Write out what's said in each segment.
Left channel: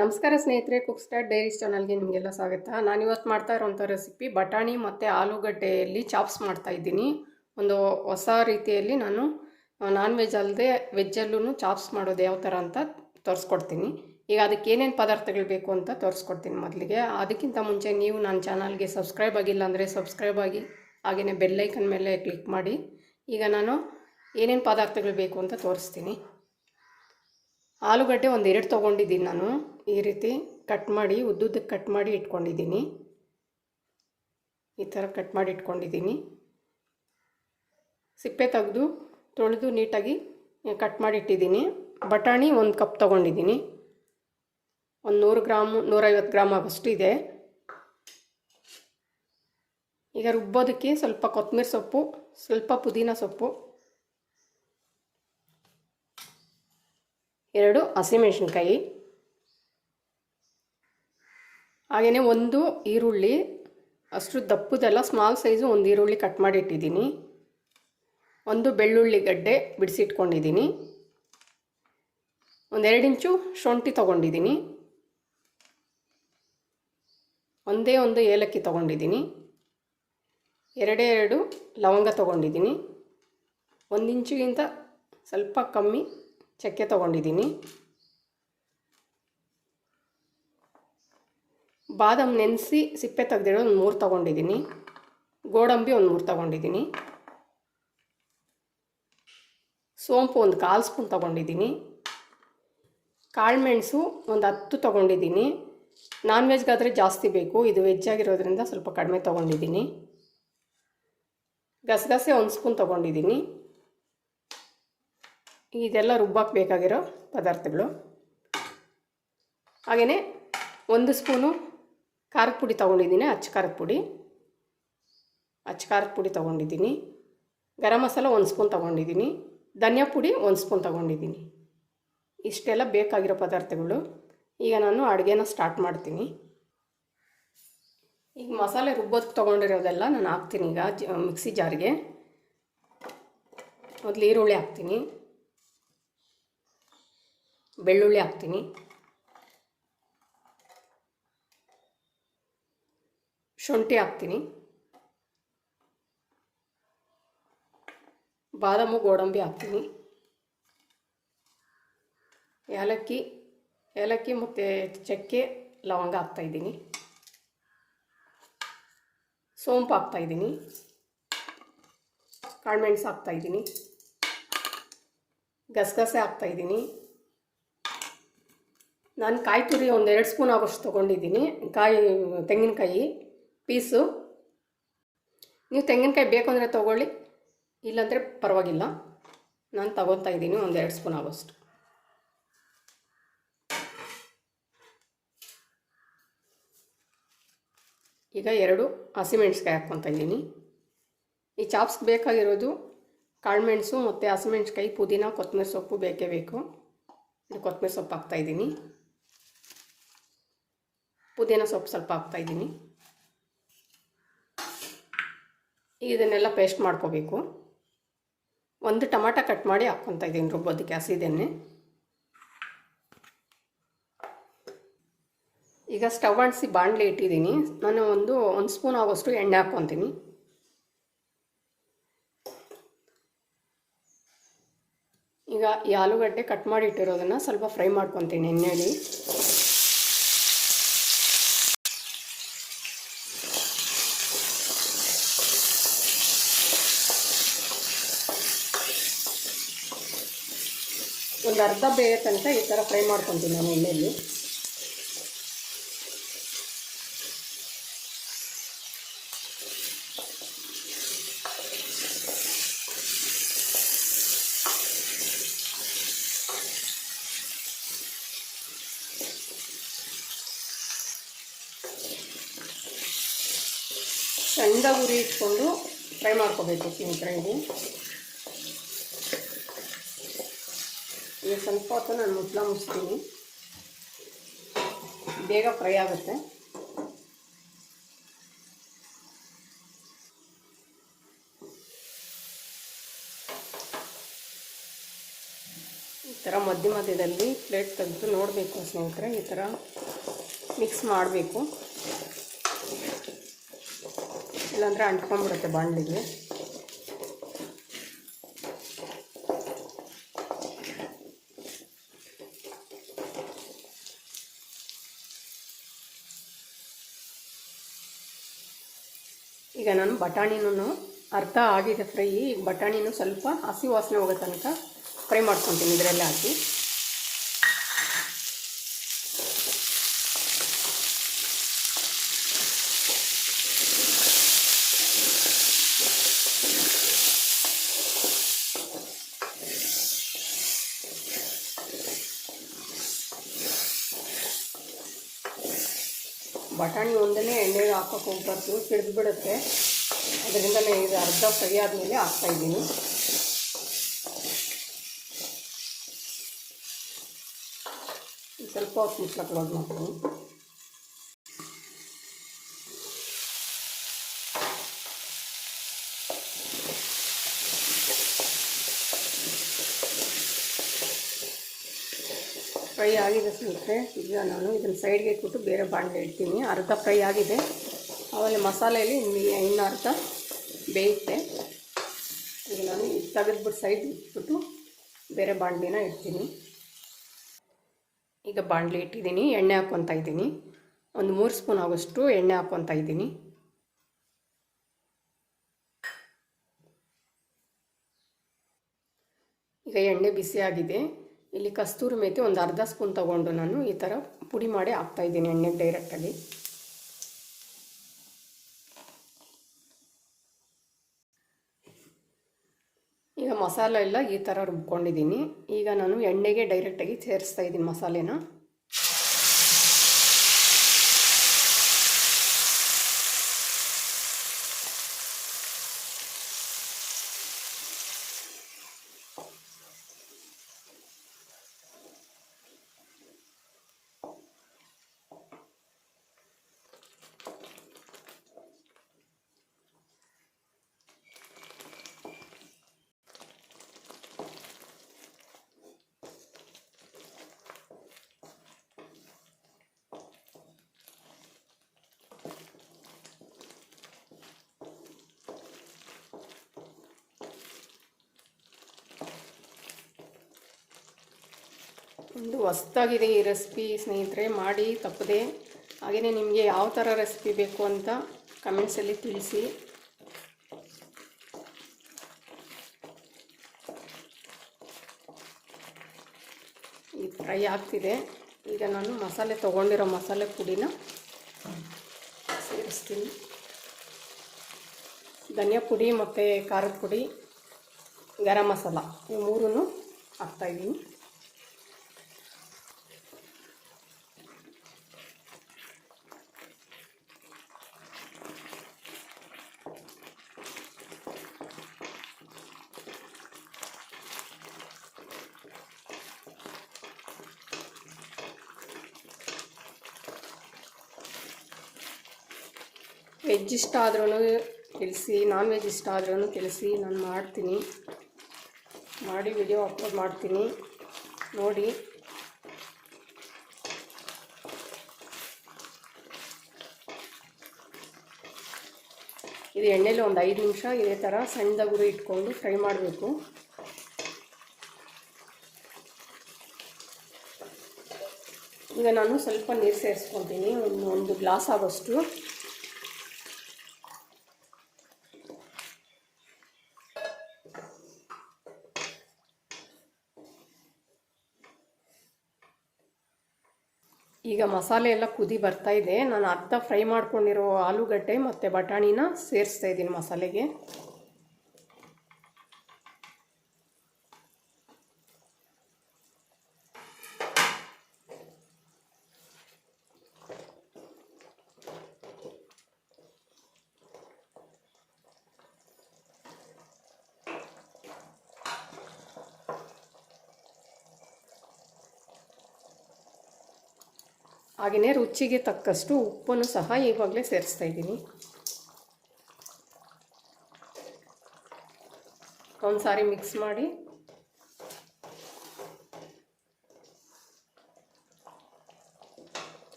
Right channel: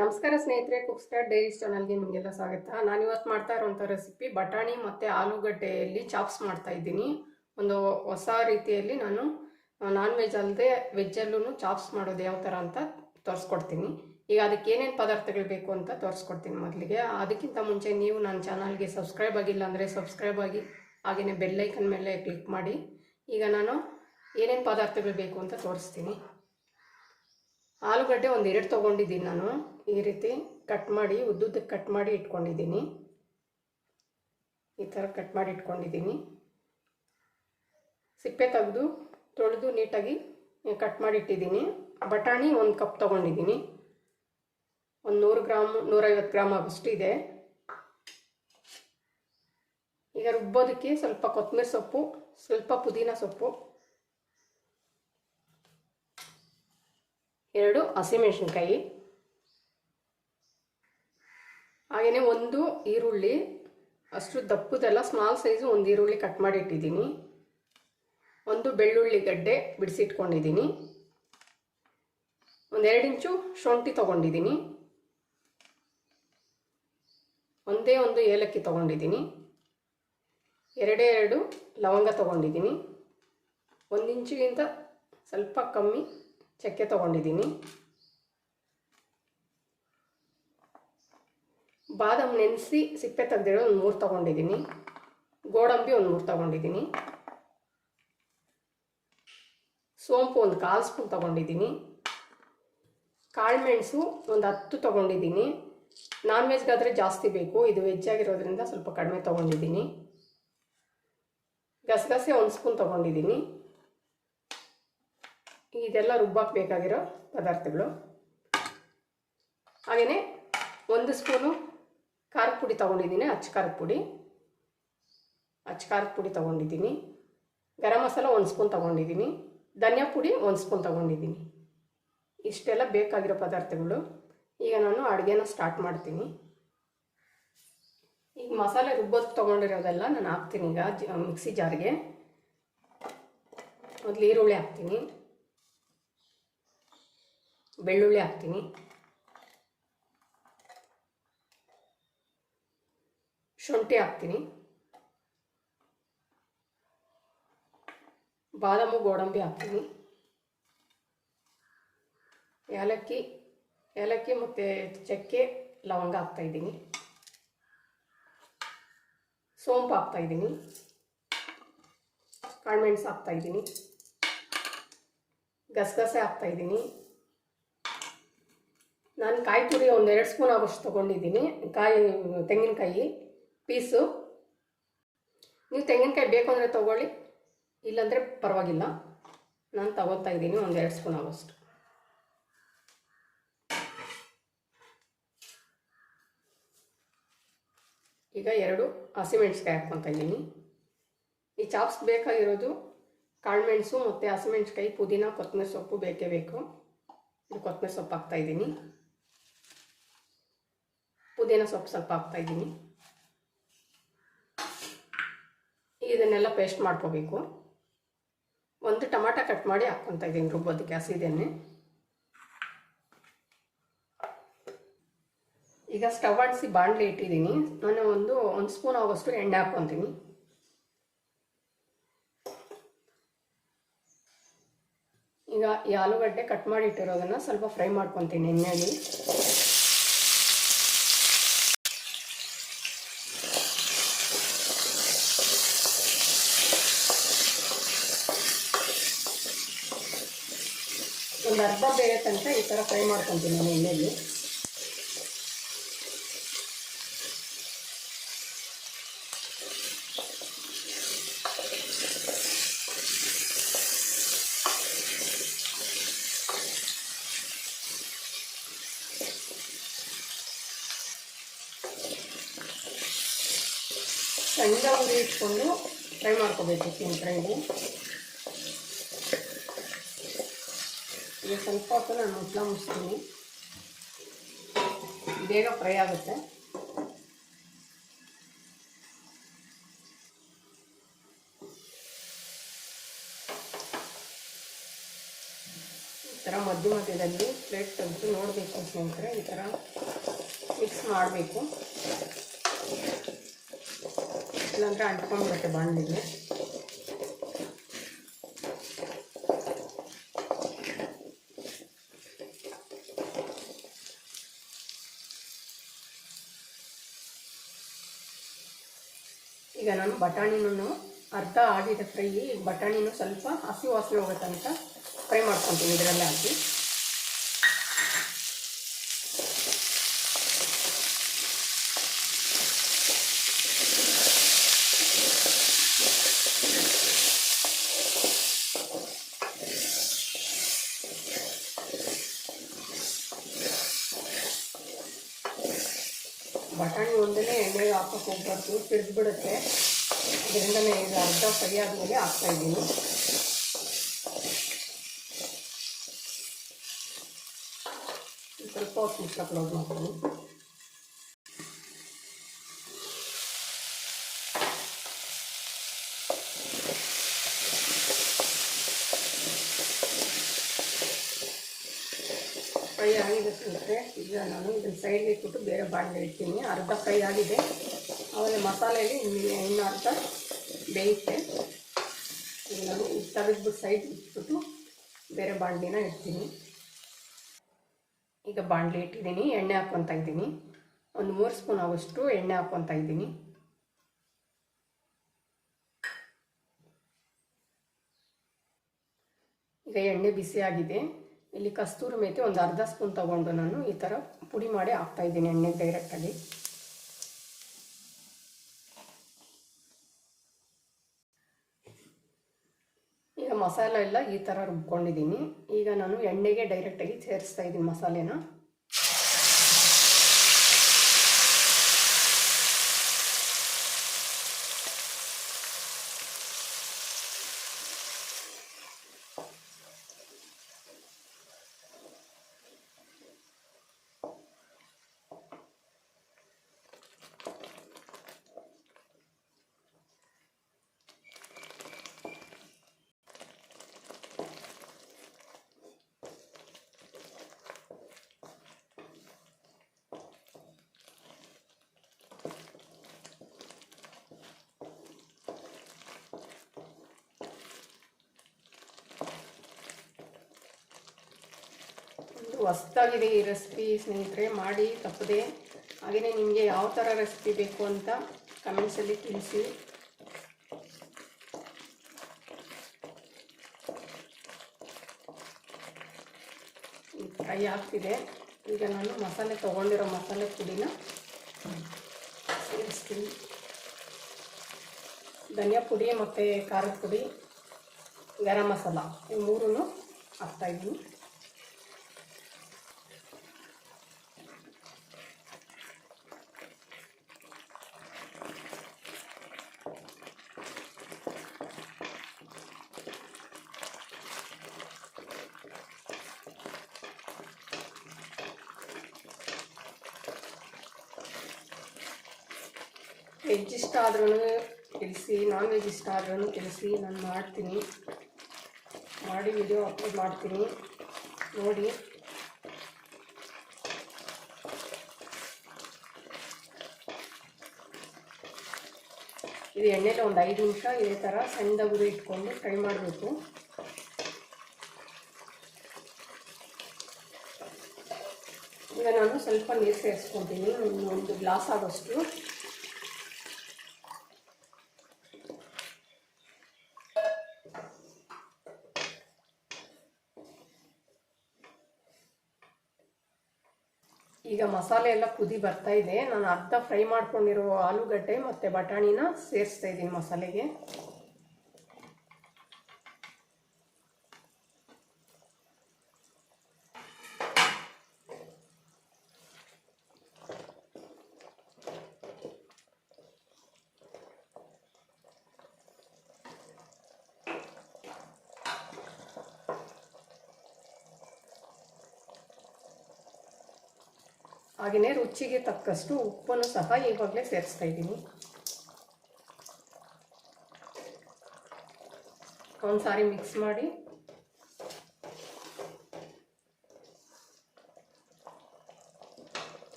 ನಮಸ್ಕಾರ ಸ್ನೇಹಿತರೆ cook dairy ಚಾನಲ್ಗೆ ನಿಮಗೆಲ್ಲ ಸ್ವಾಗತ. ನಾನು ಇವತ್ತು ಮಾಡ್ತಾ ಇರೋವಂಥ ರೆಸಿಪಿ ಬಟಾಣಿ ಮತ್ತು ಆಲೂಗಡ್ಡೆಯಲ್ಲಿ ಚಾಪ್ಸ್ ಮಾಡ್ತಾ ಇದ್ದೀನಿ. ಒಂದು ಹೊಸ ರೀತಿಯಲ್ಲಿ ನಾನು ನಾನ್ ವೆಜ್ ಅಲ್ಲದೆ ವೆಜ್ಜಲ್ಲೂ ಚಾಪ್ಸ್ ಮಾಡೋದು ಯಾವ ಥರ ಅಂತ ತೋರಿಸ್ಕೊಡ್ತೀನಿ. ಈಗ ಅದಕ್ಕೆ ಏನೇನು ಪದಾರ್ಥಗಳು ಬೇಕು ಅಂತ ತೋರಿಸ್ಕೊಡ್ತೀನಿ ಮೊದಲಿಗೆ. ಅದಕ್ಕಿಂತ ಮುಂಚೆ ನೀವು ನನ್ನ ಚಾನಲ್ಗೆ ಸಬ್ಸ್ಕ್ರೈಬ್ ಆಗಿಲ್ಲ ಅಂದರೆ ಸಬ್ಸ್ಕ್ರೈಬ್ ಆಗಿ ಹಾಗೆಯೇ ಬೆಲ್ಲೈಕನ್ ಮೇಲೆ ಕ್ಲಿಕ್ ಮಾಡಿ. ಈಗ ನಾನು ಏನೇನು ಪದಾರ್ಥಗಳು ಬೇಕು ಅಂತ ತೋರಿಸ್ತೀನಿ. ಆಲೂಗಡ್ಡೆ ಒಂದು ಎರಡು ತೊಗೊಂಡಿದ್ದೀನಿ ನಾನು. ಈ ರೀತಿ ಕಟ್ ಮಾಡಿ, ಉದ್ದುದ್ದಕ್ಕೆ ಕಟ್ ಮಾಡಿ ಇಟ್ಕೊಂಡಿದ್ದೀನಿ. ಈ ಥರ ಕಟ್ ಮಾಡಿ ಇಟ್ಕೊಂಡಿದ್ದೀನಿ. ಸಿಪ್ಪೆ ತೆಗೆದು, ತೊಳೆದು ನೀಟಾಗಿ ಕಟ್ ಮಾಡಿ ಇಟ್ಟಿದ್ದೀನಿ. ಬಟಾಣಿ ಒಂದು ಕಪ್ ತೊಗೊಂಡಿದ್ದೀನಿ. ಒಂದು ನೂರು ಗ್ರಾಮು, ನೂರೈವತ್ತು ಗ್ರಾಮ್ ಆಗೋಷ್ಟು ಇದೆ. ಈಗ ರುಬ್ಬೋದಕ್ಕೆ ಸ್ವಲ್ಪ ಕೊತ್ತಂಬರಿ ಸೊಪ್ಪು, ಸ್ವಲ್ಪ ಪುದೀನ ಸೊಪ್ಪು. ಎರಡು ಹಸಿಮೆಣಸಿನ್ಕಾಯಿ. ಹಾಗೆಯೇ ಒಂದು ಈರುಳ್ಳಿ, ಅಷ್ಟು ದಪ್ಪದೆಲ್ಲ ಸ್ಮಾಲ್ ಸೈಜು ಒಂದು ಈರುಳ್ಳಿ ಕಟ್ ಮಾಡಿ ಇಟ್ಟಿದ್ದೀನಿ ಒಂದು ಬೆಳ್ಳುಳ್ಳಿ ಗಡ್ಡೆ ಬಿಡಿಸಿಟ್ಕೊಂಡಿದ್ದೀನಿ. ಒಂದೆರಡು ಇಂಚು ಶುಂಠಿ ತೊಗೊಂಡಿದ್ದೀನಿ. ಒಂದೇ ಒಂದು ಏಲಕ್ಕಿ ತೊಗೊಂಡಿದ್ದೀನಿ. ಎರಡೇ ಎರಡು ಲವಂಗ ತೊಗೊಂಡಿದ್ದೀನಿ. ಒಂದು ಇಂಚಿಗಿಂತ ಸ್ವಲ್ಪ ಕಮ್ಮಿ ಚಕ್ಕೆ ತೊಗೊಂಡಿದ್ದೀನಿ. ಬಾದಾಮ್ ನೆನೆಸಿ ಸಿಪ್ಪೆ ತೆಗೆದಿರೋ ಒಂದು ಮೂರು ತೊಗೊಂಡಿದ್ದೀನಿ. ಗೋಡಂಬಿ ಒಂದು ಮೂರು ತೊಗೊಂಡಿದ್ದೀನಿ. ಸೋಂಪು ಒಂದು ಕಾಲು ಸ್ಪೂನ್ ತೊಗೊಂಡಿದ್ದೀನಿ. ಕಾಳುಮೆಣಸು ಒಂದು ಹತ್ತು ತೊಗೊಂಡಿದ್ದೀನಿ. ನಾನ್ ವೆಜ್ಗಾದರೆ ಜಾಸ್ತಿ ಬೇಕು, ಇದು ವೆಜ್ ಆಗಿರೋದ್ರಿಂದ ಸ್ವಲ್ಪ ಕಡಿಮೆ ತೊಗೊಂಡಿದ್ದೀನಿ. ಗಸಗಸೆ ಒಂದು ಸ್ಪೂನ್ ತೊಗೊಂಡಿದ್ದೀನಿ. ಇದೆಲ್ಲ ರುಬ್ಬಕ್ಕೆ ಬೇಕಾಗಿರೋ ಪದಾರ್ಥಗಳು. ಹಾಗೆಯೇ ಒಂದು ಸ್ಪೂನು ಖಾರದ ಪುಡಿ ತೊಗೊಂಡಿದ್ದೀನಿ, ಅಚ್ಚ ಖಾರದ ಪುಡಿ. ಅಚ್ಚ ಖಾರದ ಪುಡಿ ತೊಗೊಂಡಿದ್ದೀನಿ. ಗರಂ ಮಸಾಲ ಒಂದು ಸ್ಪೂನ್ ತೊಗೊಂಡಿದ್ದೀನಿ. ಧನಿಯಾ ಪುಡಿ ಒಂದು ಸ್ಪೂನ್ ತೊಗೊಂಡಿದ್ದೀನಿ. ಇಷ್ಟೆಲ್ಲ ಬೇಕಾಗಿರೋ ಪದಾರ್ಥಗಳು. ಈಗ ನಾನು ಅಡುಗೆನ ಸ್ಟಾರ್ಟ್ ಮಾಡ್ತೀನಿ. ಈಗ ಮಸಾಲೆ ರುಬ್ಬೋದಕ್ಕೆ ತೊಗೊಂಡಿರೋದೆಲ್ಲ ನಾನು ಹಾಕ್ತೀನಿ ಈಗ ಮಿಕ್ಸಿ ಜಾರ್ಗೆ. ಮೊದಲು ಈರುಳ್ಳಿ ಹಾಕ್ತೀನಿ. ಬೆಳ್ಳುಳ್ಳಿ ಹಾಕ್ತೀನಿ. ಶುಂಠಿ ಹಾಕ್ತೀನಿ. ಬಾದಾಮು, ಗೋಡಂಬಿ ಹಾಕ್ತೀನಿ. ಏಲಕ್ಕಿ ಏಲಕ್ಕಿ ಮತ್ತು ಚಕ್ಕೆ, ಲವಂಗ ಹಾಕ್ತಾಯಿದ್ದೀನಿ ಸೋಂಪು ಹಾಕ್ತಾಯಿದ್ದೀನಿ ಕಾಳುಮೆಣಸು ಹಾಕ್ತಾಯಿದ್ದೀನಿ ಗಸಗಸೆ ಹಾಕ್ತಾಯಿದ್ದೀನಿ ನಾನು ಕಾಯಿ ತುರಿ ಒಂದು ಎರಡು ಸ್ಪೂನ್ ಆಗೋಷ್ಟು ತೊಗೊಂಡಿದ್ದೀನಿ, ಕಾಯಿ, ತೆಂಗಿನಕಾಯಿ ಪೀಸು. ನೀವು ತೆಂಗಿನಕಾಯಿ ಬೇಕು ಅಂದರೆ ತೊಗೊಳ್ಳಿ, ಇಲ್ಲಾಂದರೆ ಪರವಾಗಿಲ್ಲ. ನಾನು ತಗೊತಾ ಇದ್ದೀನಿ ಒಂದು ಎರಡು ಸ್ಪೂನ್ ಆಗೋಷ್ಟು. ಈಗ ಎರಡು ಹಸಿಮೆಣ್ಸಿಕಾಯಿ ಹಾಕ್ಕೊತಾ ಇದ್ದೀನಿ. ಈ ಚಾಪ್ಸ್ ಬೇಕಾಗಿರೋದು ಕಾಳುಮೆಣಸು ಮತ್ತು ಹಸಿಮೆಣ್ಸಿಕಾಯಿ, ಪುದೀನ ಕೊತ್ತಂಬರಿ ಸೊಪ್ಪು ಬೇಕೇ ಬೇಕು. ಕೊತ್ತಂಬರಿ ಸೊಪ್ಪು ಹಾಕ್ತಾಯಿದ್ದೀನಿ ಪುದೀನ ಸೊಪ್ಪು ಸ್ವಲ್ಪ ಹಾಕ್ತಾಯಿದ್ದೀನಿ. ಇದನ್ನೆಲ್ಲ ಪೇಸ್ಟ್ ಮಾಡ್ಕೋಬೇಕು. ಒಂದು ಟೊಮಾಟ ಕಟ್ ಮಾಡಿ ಹಾಕ್ಕೊತಾ ಇದ್ದೀನಿ ರುಬ್ಬೋದಕ್ಕೆ ಹಸಿದೆಣ್ಣೆ ಈಗ ಸ್ಟವ್ ಆಡಿಸಿ ಬಾಣಲೆ ಇಟ್ಟಿದ್ದೀನಿ. ನಾನು ಒಂದು ಒಂದು ಸ್ಪೂನ್ ಆಗೋಷ್ಟು ಎಣ್ಣೆ ಹಾಕ್ಕೊತೀನಿ. ಈಗ ಈ ಆಲೂಗಡ್ಡೆ ಕಟ್ ಮಾಡಿ ಇಟ್ಟಿರೋದನ್ನು ಸ್ವಲ್ಪ ಫ್ರೈ ಮಾಡ್ಕೊತೀನಿ ಎಣ್ಣೆಯಲ್ಲಿ ಬೇರೆ ತನಕ ಈ ಥರ ಫ್ರೈ ಮಾಡ್ಕೊತೀನಿ ನಾನು ಎಣ್ಣೆಯಲ್ಲಿ. ಸಣ್ಣ ಉರಿ ಇಟ್ಕೊಂಡು ಫ್ರೈ ಮಾಡ್ಕೋಬೇಕು ಮೆಣಸಿನ್ಕಾಯಿ ಈಗ ಸ್ವಲ್ಪ ಹೊತ್ತು ನಾನು ಮುಟ್ಲ ಮುಚ್ತೀನಿ. ಬೇಗ ಫ್ರೈ ಆಗುತ್ತೆ. ಈ ಥರ ಮಧ್ಯ ಮಧ್ಯದಲ್ಲಿ ಪ್ಲೇಟ್ ತೆಗೆದು ನೋಡಬೇಕು ಸ್ನೇಹಿತರೆ, ಈ ಥರ ಮಿಕ್ಸ್ ಮಾಡಬೇಕು. ಇಲ್ಲಾಂದರೆ ಅಂಟ್ಕೊಂಡ್ಬಿಡುತ್ತೆ ಬಾಣಲಿಗೆ. ಈಗ ನಾನು ಬಟಾಣಿನೂ ಅರ್ಧ ಆಗಿದೆ ಫ್ರೈ, ಬಟಾಣಿನೂ ಸ್ವಲ್ಪ ಹಸಿ ವಾಸನೆ ಹೋಗೋ ತನಕ ಫ್ರೈ ಮಾಡ್ಕೊತೀನಿ ಇದರಲ್ಲೇ ಹಾಕಿ ಬಟಾಣಿ ಒಂದನೇ ಎಣ್ಣೆಗೆ ಸಿಡ್ದು ಬಿಡುತ್ತೆ ಅದರಿಂದಲೇ ಇದು ಅರ್ಧ ಸರಿಯಾದ ಮೇಲೆ ಹಾಕ್ತಾಯಿದ್ದೀನಿ ಸ್ವಲ್ಪ ಹೊತ್ತು ಮುಚ್ಚಳ ಕ್ಲೋಸ್ ಫ್ರೈ ಆಗಿದೆ ಸಿಗುತ್ತೆ ಈಗ ನಾನು ಇದನ್ನು ಸೈಡ್ಗೆ ಇಟ್ಬಿಟ್ಟು ಬೇರೆ ಬಾಣಲೆ ಇಡ್ತೀನಿ. ಅರ್ಧ ಫ್ರೈ ಆಗಿದೆ. ಆಮೇಲೆ ಮಸಾಲೆಯಲ್ಲಿ ನಿಮಗೆ ಇನ್ನು ಅಂತ ಬೇಯುತ್ತೆ ಈಗ ನಾನು ತೆಗೆದ್ಬಿಟ್ಟು ಸೈಡ್ ಇಟ್ಬಿಟ್ಟು ಬೇರೆ ಬಾಣಲಿನ ಇಡ್ತೀನಿ. ಈಗ ಬಾಣಲಿ ಇಟ್ಟಿದ್ದೀನಿ, ಎಣ್ಣೆ ಹಾಕ್ಕೊತಾ ಇದ್ದೀನಿ. ಒಂದು ಮೂರು ಸ್ಪೂನ್ ಆಗೋಷ್ಟು ಎಣ್ಣೆ ಹಾಕ್ಕೊತಾ ಇದ್ದೀನಿ. ಈಗ ಎಣ್ಣೆ ಬಿಸಿ ಆಗಿದೆ. ಇಲ್ಲಿ ಕಸ್ತೂರಿ ಮೇಥಿ ಒಂದು ಅರ್ಧ ಸ್ಪೂನ್ ತಗೊಂಡು ನಾನು ಈ ಥರ ಪುಡಿ ಮಾಡಿ ಹಾಕ್ತಾಯಿದ್ದೀನಿ ಎಣ್ಣೆ ಡೈರೆಕ್ಟಾಗಿ ಈಗ ಮಸಾಲೆ ಎಲ್ಲ ಈ ಥರ ರುಬ್ಕೊಂಡಿದ್ದೀನಿ. ಈಗ ನಾನು ಎಣ್ಣೆಗೆ ಡೈರೆಕ್ಟಾಗಿ ಸೇರಿಸ್ತಾ ಇದ್ದೀನಿ ಮಸಾಲೆನ. ಒಂದು ಹೊಸ್ದಾಗಿದೆ ಈ ರೆಸಿಪಿ ಸ್ನೇಹಿತರೆ, ಮಾಡಿ, ತಪ್ಪದೆ. ಹಾಗೆಯೇ ನಿಮಗೆ ಯಾವ ಥರ ರೆಸಿಪಿ ಬೇಕು ಅಂತ ಕಮೆಂಟ್ಸಲ್ಲಿ ತಿಳಿಸಿ. ಈ ಫ್ರೈ ಆಗ್ತಿದೆ. ಈಗ ನಾನು ಮಸಾಲೆ ತೊಗೊಂಡಿರೋ ಮಸಾಲೆ ಪುಡಿನ ಸೇರಿಸ್ತೀನಿ. ಧನಿಯಾ ಪುಡಿ ಮತ್ತು ಖಾರದ ಪುಡಿ, ಗರಂ ಮಸಾಲ, ಈ ಮೂರನ್ನು ಹಾಕ್ತಾಯಿದ್ದೀನಿ ವೆಜ್ ಇಷ್ಟ ಆದ್ರೂ ತಿಳಿಸಿ ನಾನ್ ವೆಜ್ ಇಷ್ಟ ಆದ್ರೂ ತಿಳಿಸಿ ನಾನು ಮಾಡ್ತೀನಿ. ಮಾಡಿ ವಿಡಿಯೋ ಅಪ್ಲೋಡ್ ಮಾಡ್ತೀನಿ. ನೋಡಿ. ಇದು ಎಣ್ಣೆಲಿ ಒಂದು ಐದು ನಿಮಿಷ ಇದೇ ಥರ ಸಣ್ಣದಾಗುರು ಇಟ್ಕೊಂಡು ಫ್ರೈ ಮಾಡಬೇಕು. ಈಗ ನಾನು ಸ್ವಲ್ಪ ನೀರು ಸೇರಿಸ್ಕೊತೀನಿ ಒಂದು ಒಂದು ಗ್ಲಾಸ್ ಆಗೋಷ್ಟು. ಈಗ ಮಸಾಲೆ ಎಲ್ಲ ಕುದಿ ಬರ್ತಾ ಇದೆ. ನಾನು ಅರ್ಧ ಫ್ರೈ ಮಾಡ್ಕೊಂಡಿರೋ ಆಲೂಗಡ್ಡೆ ಮತ್ತು ಬಟಾಣಿನ ಸೇರಿಸ್ತಾ ಇದ್ದೀನಿ ಮಸಾಲೆಗೆ. ಹಾಗೆಯೇ ರುಚಿಗೆ ತಕ್ಕಷ್ಟು ಉಪ್ಪನ್ನು ಸಹ ಈವಾಗಲೇ ಸೇರಿಸ್ತಾ ಇದ್ದೀನಿ. ಒಂದ್ಸಾರಿ ಮಿಕ್ಸ್ ಮಾಡಿ.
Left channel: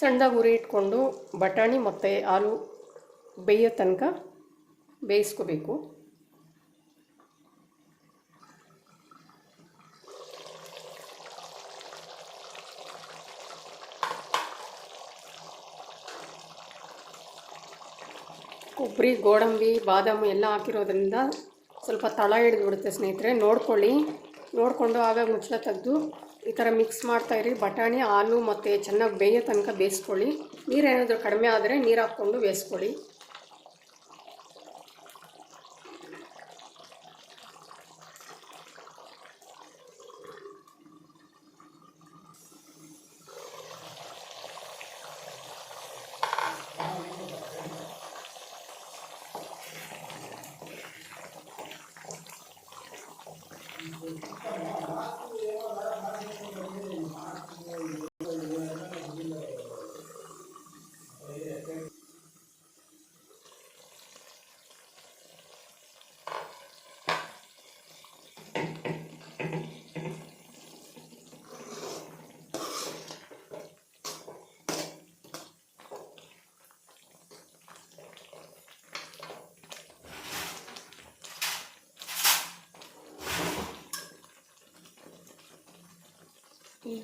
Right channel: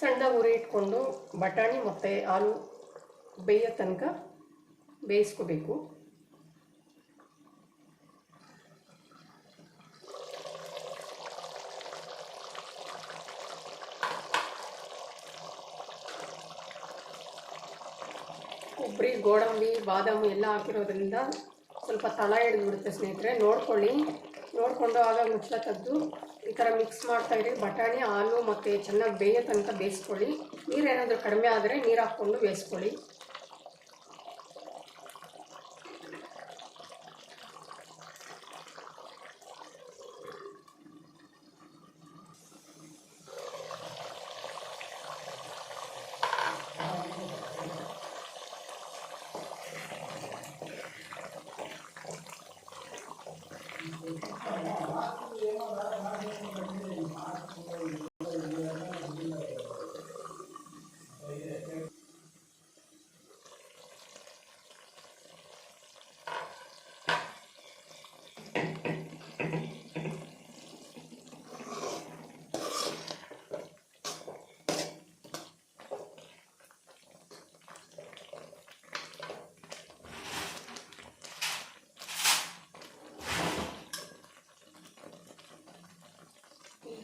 ಸಣ್ಣದಾಗಿ ಉರಿ ಇಟ್ಕೊಂಡು ಬಟಾಣಿ ಮತ್ತು ಆಲೂ ಬೇಯೋ ತನಕ ಬೇಯಿಸ್ಕೋಬೇಕು. ಕೊಬ್ಬರಿ, ಗೋಡಂಬಿ, ಬಾದಾಮಿ ಎಲ್ಲ ಹಾಕಿರೋದ್ರಿಂದ ಸ್ವಲ್ಪ ತಳ ಹಿಡಿದ್ಬಿಡುತ್ತೆ ಸ್ನೇಹಿತರೆ. ನೋಡ್ಕೊಳ್ಳಿ. ನೋಡಿಕೊಂಡು ಆಗ ಮುಚ್ಚಳ ತೆಗೆದು ಈ ಥರ ಮಿಕ್ಸ್ ಮಾಡ್ತಾಯಿರಿ ಬಟಾಣಿ, ಹಾಲು ಮತ್ತು ಚೆನ್ನಾಗಿ ಬೇಯೋ ತನಕ ಬೇಯಿಸ್ಕೊಳ್ಳಿ. ನೀರೇನಾದರೂ ಕಡಿಮೆ ಆದರೆ ನೀರು ಹಾಕ್ಕೊಂಡು ಬೇಯಿಸ್ಕೊಳ್ಳಿ.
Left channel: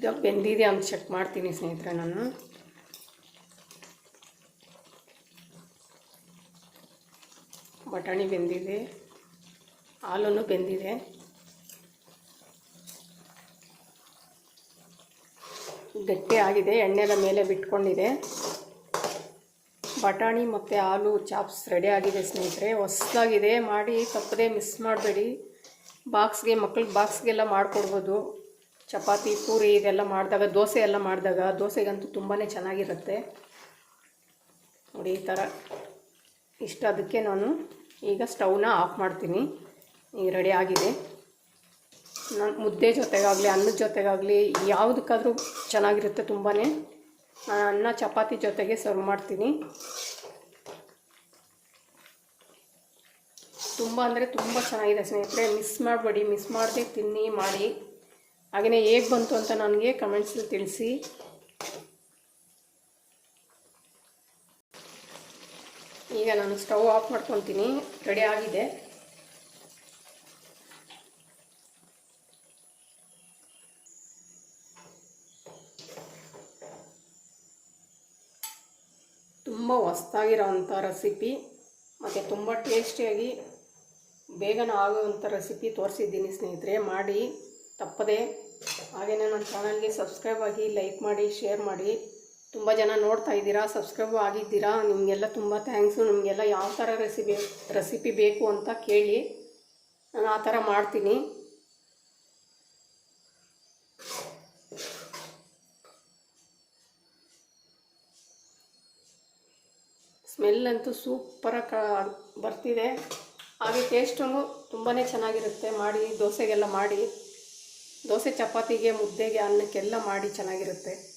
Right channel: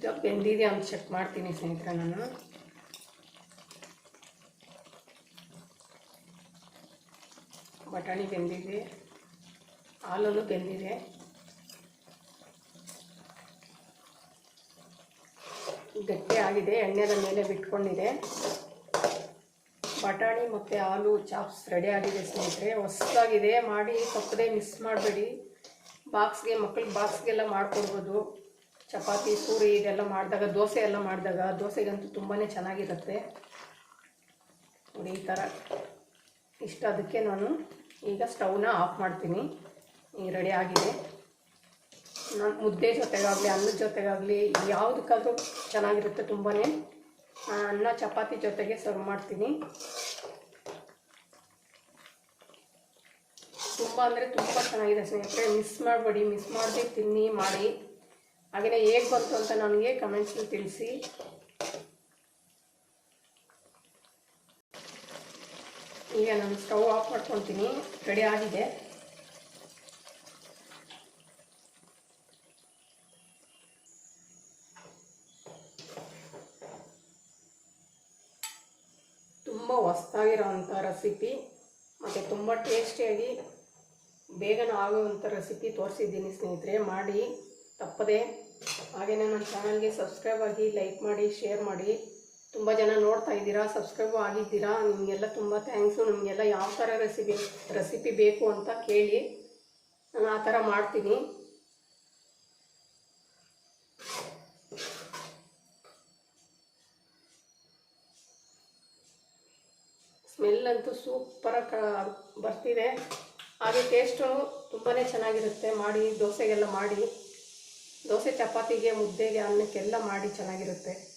ಈಗ ಬೆಂದಿದೆ ಅಂತ ಚೆಕ್ ಮಾಡ್ತೀನಿ ಸ್ನೇಹಿತರೆ ನಾನು. ಬಟಾಣಿ ಬೆಂದಿದೆ, ಹಾಲನ್ನು ಬೆಂದಿದೆ. ಗಟ್ಟಿ ಆಗಿದೆ ಎಣ್ಣೆದ ಮೇಲೆ ಬಿಟ್ಕೊಂಡಿದೆ. ಬಟಾಣಿ ಮತ್ತು ಹಾಲು ಚಾಪ್ಸ್ ರೆಡಿ ಆಗಿದೆ ಸ್ನೇಹಿತರೆ. ಹೊಸದಾಗಿದೆ, ಮಾಡಿ ತಪ್ಪದೆ ಮಿಸ್ ಮಾಡಬೇಡಿ. ಬಾಕ್ಸ್ಗೆ ಮಕ್ಳಿಗೆ ಬಾಕ್ಸ್ಗೆಲ್ಲ ಮಾಡಿಕೊಡ್ಬೋದು. ಚಪಾತಿ, ಪೂರಿ ಇದೆಲ್ಲ ಮಾಡಿದಾಗ, ದೋಸೆ ಎಲ್ಲ ಮಾಡಿದಾಗ ದೋಸೆಗಂತೂ ತುಂಬಾ ಚೆನ್ನಾಗಿರುತ್ತೆ. ನೋಡಿ, ಈ ಥರ ಇಷ್ಟ ಅದಕ್ಕೆ ನಾನು ಈಗ ಸ್ಟವ್ನ ಆಫ್ ಮಾಡ್ತೀನಿ. ಈಗ ರೆಡಿ ಆಗಿದೆ. ನಾನು ಮುದ್ದೆ ಜೊತೆಗಾಗಲಿ ಅನ್ನದ ಜೊತೆಗಾಗಲಿ, ಯಾವುದಕ್ಕಾದ್ರೂ ಚೆನ್ನಾಗಿರುತ್ತೆ ತುಂಬಾ ಅನ್ನ ಚಪಾತಿ ಜೊತೆಗೆ ಸರ್ವ್ ಮಾಡ್ತೀನಿ. ತುಂಬ ಅಂದರೆ ತುಂಬ ಚೆನ್ನಾಗಿದೆ ಸ್ನೇಹಿತರೆ. ಮಿಸ್ ಮಾಡಬೇಡಿ, ಮಿಸ್ ಮಾಡದೆ ತಿನ್ನಿ, ಮಾಡಿ. ಹಾಗೆಯೇ ಹೇಗೆ ಬಂತು ಅಂತ ನನಗೆ ಕಮೆಂಟ್ಸಲ್ಲಿ ತಿಳಿಸಿ. ಈಗ ನಾನು ಸ್ಟವ್ ಆಫ್ ಮಾಡ್ಕೊತೀನಿ. ರೆಡಿ ಆಗಿದೆ. ತುಂಬ ಹೊಸ್ದಾಗಿರೋವಂಥ ರೆಸಿಪಿ ಮತ್ತು ತುಂಬ ಟೇಸ್ಟಿಯಾಗಿ ಬೇಗನೆ ಆಗುವಂಥ ರೆಸಿಪಿ ತೋರಿಸಿದ್ದೀನಿ ಸ್ನೇಹಿತರೆ. ಮಾಡಿ. ತಪ್ಪದೆ. ಹಾಗೆಯೇ ನನ್ನ ಚಾನಲ್ಗೆ ಸಬ್ಸ್ಕ್ರೈಬ್ ಆಗಿ ಲೈಕ್ ಮಾಡಿ, ಶೇರ್ ಮಾಡಿ. ತುಂಬ ಜನ ನೋಡ್ತಾ ಇದ್ದೀರಾ, ಸಬ್ಸ್ಕ್ರೈಬ್ ಆಗಿದ್ದೀರಾ, ನಿಮಗೆಲ್ಲ ತುಂಬ ಥ್ಯಾಂಕ್ಸು. ನಿಮಗೆಲ್ಲ ಯಾವ ಥರ ರೆಸಿಪಿ ರೆಸಿಪಿ ಬೇಕು ಅಂತ ಕೇಳಿ ನಾನು ಆ ಥರ ಮಾಡ್ತೀನಿ. ಸ್ಮೆಲ್ ಅಂತೂ ಸೂಪರಾಗಿ ಬರ್ತಿದೆ. ಹಾಗೆ ಟೇಸ್ಟು ತುಂಬಾ ಚೆನ್ನಾಗಿರುತ್ತೆ. ಮಾಡಿ, ದೋಸೆಗೆಲ್ಲ ಮಾಡಿ. ದೋಸೆ ಚಪಾತಿಗೆ ಮುದ್ದೆಗೆ ಅನ್ನಕ್ಕೆಲ್ಲ ಮಾಡಿ ಚೆನ್ನಾಗಿರುತ್ತೆ.